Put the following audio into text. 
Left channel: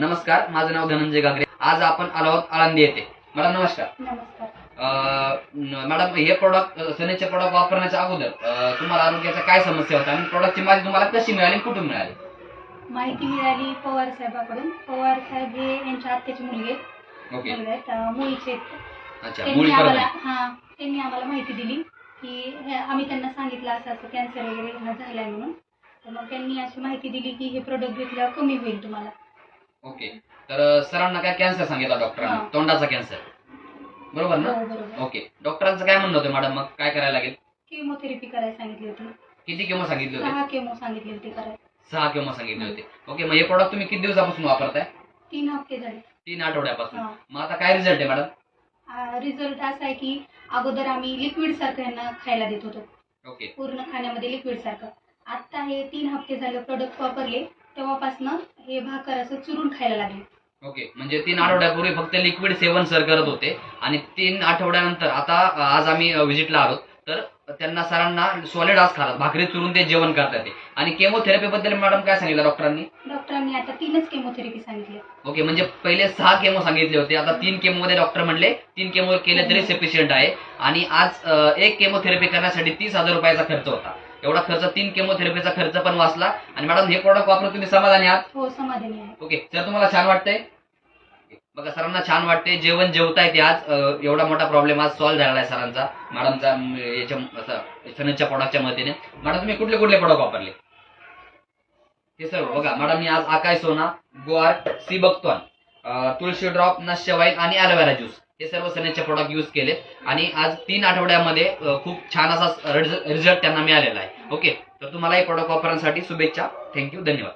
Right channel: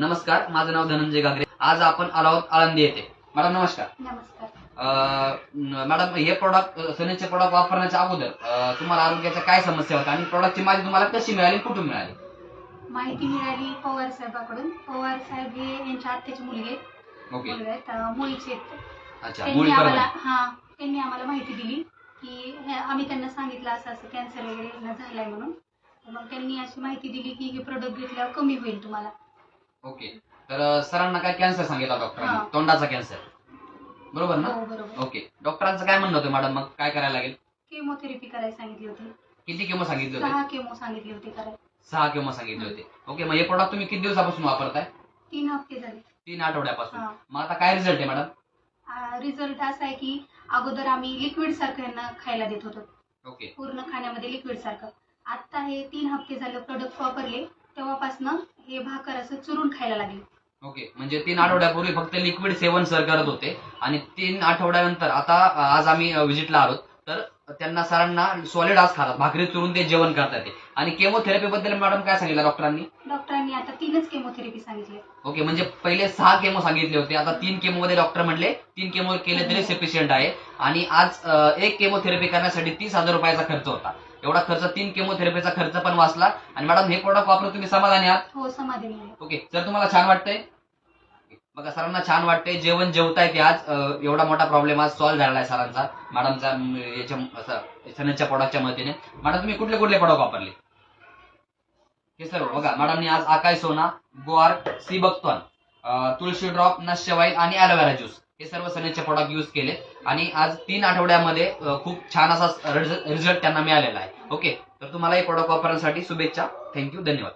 नमस्कार माझं नाव धनंजय गागरे. आज आपण आलो आहोत आळंदी येथे. मॅडम नमस्कार. मॅडम हे प्रोडक्ट सनेचे प्रोडक्ट वापरण्याच्या अगोदर अं, तुम्हाला आरोग्याच्या काय समस्या होत्या आणि प्रोडक्टची माहिती तुम्हाला कशी मिळाली कुठून मिळाली? माहिती मिळाली पवार साहेबाकडून. पवार साहेब हे यांच्या आत्याचे मुलगे आहेत, ओके. मुलगा आहेत अं, मुलीचे आहेत. अच्छा त्यांनी मुळी आम्हाला परत हा त्यांनी आम्हाला माहिती दिली की हे- आम्ही त्यांना सांगितलं असं असं कॅन्सर वगैरे यांना झालाय म्हणून. तर मग त्यांनी अशी माहिती दिली की हे प्रोडक्ट घेतल्यावर कमी होईल तुम्हाला. ओके. तर सरांना काय कॅन्सर सांगितला डॉक्टरांनी हा. तोंडाचा कॅन्सर बरोबर ना? हो बरोबर. ओके. डॉक्टरांचं काय म्हणणं होतं मॅडम मग काय करायला लागेल? केमोथेरपी करायला सांगितली होती. किती केमो सांगितले होते? सहा केमो सांगितले होते करायला सहा केमो सांगितले होते. ओके मग हे प्रोडक्ट तुम्ही किती दिवसापासून वापरताय? तीन हप्ते झाले. तीन आठवड्यापासून. हा. मग आता काय रिझल्ट आहे मॅडम रिझल्ट असा आहे की अगोदर आम्ही लिक्विड सारखं यांना खायला देत होतो. ओके. पूर्ण खाण्यामध्ये लिक्विड सारखं. आता हे तीन हप्ते झाले प्रोडक्ट वापरले. तेव्हापासनं हे भाकर असं चुरून खायला लागले. ओके म्हणजे तीन आठवड्यापूर्वी फक्त लिक्विड सेवन सर करत होते. आणि तीन आठवड्यानंतर आता आज आम्ही व्हिजिटला आलो तर त्यांना सरांना सॉलिड आज खातात. भाकरी चुरून ते जेवण करतात आणि केमोथेरपी बद्दल मॅडम काय सांगितलं डॉक्टरांनी डॉक्टरांनी आता तीनच केमोथेरपी सांगितले. ओके म्हणजे पहिले सहा केमो सांगितले होते. आता तीन केमो मध्ये डॉक्टर म्हणले तीन केमो केले तरी सफिशियंट आहे. आणि आज एक केमोथेरपी करण्यासाठी तीस हजार रुपयाचा खर्च होता. एवढा खर्च तीन केमोथेरपीचा खर्च पण वाचला. आणि मॅडम हे प्रोडक्ट वापरून तुम्ही समाधानी आहात? हो समाधानी आहे. ओके सर तुम्हाला छान वाटतंय? बघा सरांना छान वाटते जेवण जेवताय ते आज. एवढा मोठा प्रॉब्लेम आज सॉल्व्ह झाला आहे सरांचा. मॅडमचा याच्या असं सनदच्या प्रोडक्टच्या मदतीने. मॅडम तुम्ही कुठले कुठले प्रोडक्ट वापरले? हे सर्व बघा मॅडमनी आज आकाय सोना गुआर सी बघतोन तुळशी ड्रॉप नश्य वाईल आणि ॲलोवेरा ज्यूस हे सर्व सनेचे प्रोडक्ट यूज केले. आणि आज तीन आठवड्यामध्ये खूप छान असा रिझल्ट त्यांना मिळालेला आहे. ओके तर तुम्हाला हे प्रोडक्ट वापरण्यासाठी शुभेच्छा. थँक्यू धन्यवाद.